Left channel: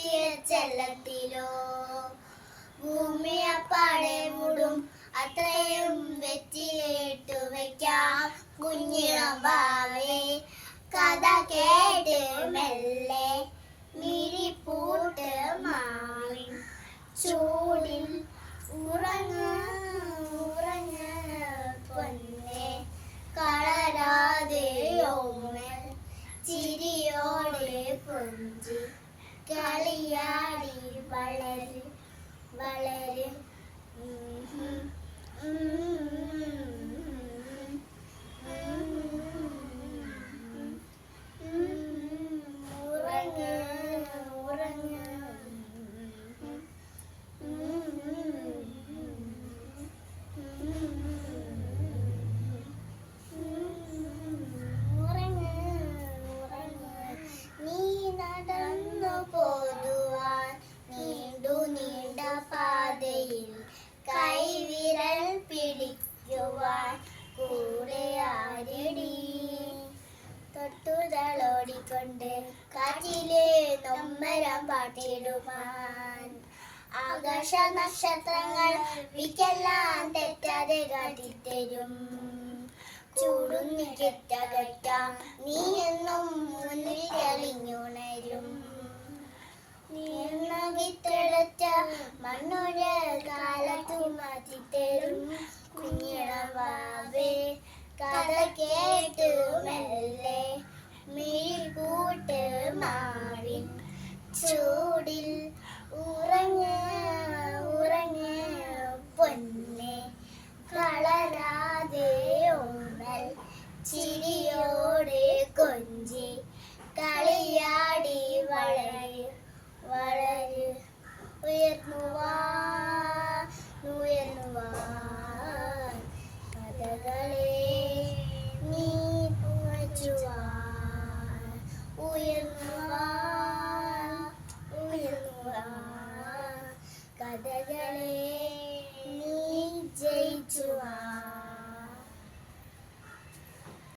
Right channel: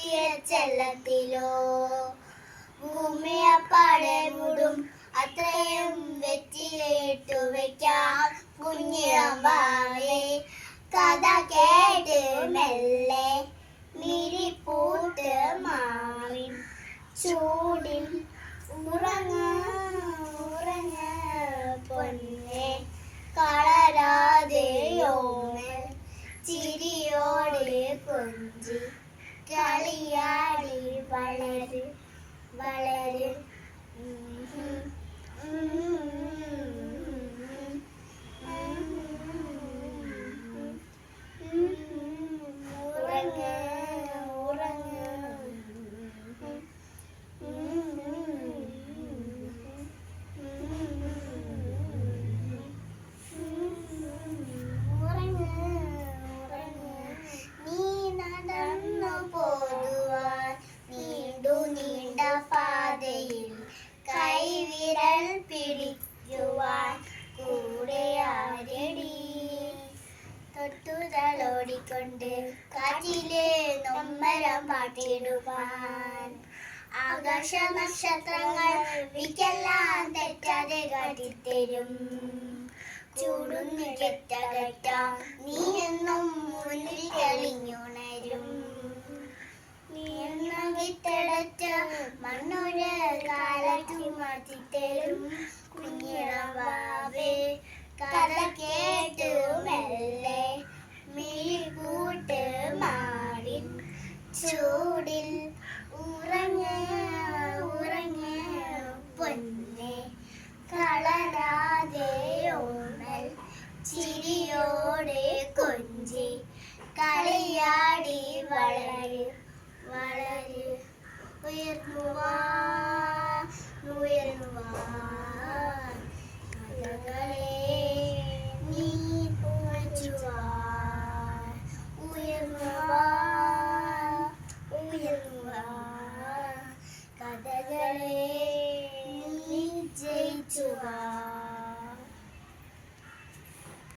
പോറ്റിയ ചെല്ലത്തിലോ ഭൂമിയപ്പാടെ മൂടും അത്രയും വെച്ചിട്ടു വയ്ക്കാം കുഞ്ഞിളമ്പാവേ കഥ കേട്ട് മെല്ലെ മിഴിപ്പൂട്ട് മാറിൻ ചൂടിൽ ഉറങ്ങ ഉറങ്ങ പൊന്നെ കളരാതെയോമൽ ചിരിയോടെ കൊഞ്ചി കളിയാടി വളര് വളര് ഉറങ്ങ ഉറങ്ങ നീ നടന്നു പോതുവാൻ നീണ്ടു നീണ്ട പാതയിൽ കൈവിരൽ പിടിക്കുവാൻ കൂടെ ആരടി തൊട്ടുതളോടിക്കൊണ്ട് കാറ്റിലെ നൊമ്പരം പാട്ടിടുവാൻ ആകാശ നക്ഷത്രങ്ങൾ വിക്കെല്ലാം തെറ്റാതെ കാട്ടിത്തരും ചൂടും നികറ്റകറ്റാം നീ എന്നും മുന്നിൽ തെളിഞ്ഞുണരും നീ എന്ന വിത്തടച്ച മണ്ണൊരു കാലത്തു മാറ്റിത്തരും കുഞ്ഞിളവാവേ കഥ കേട്ടു മെല്ലെ മിഴികൂട്ട് മാറി ചൂടിൽ ഉറങ്ങ ഉറങ്ങ പൊന്നെ കളരാതെ ഓമൽ ചിരിയോടെ കൊഞ്ചി കളിയാടി വളര് വളര് ഉയർന്നുവാൻ കഥകളെ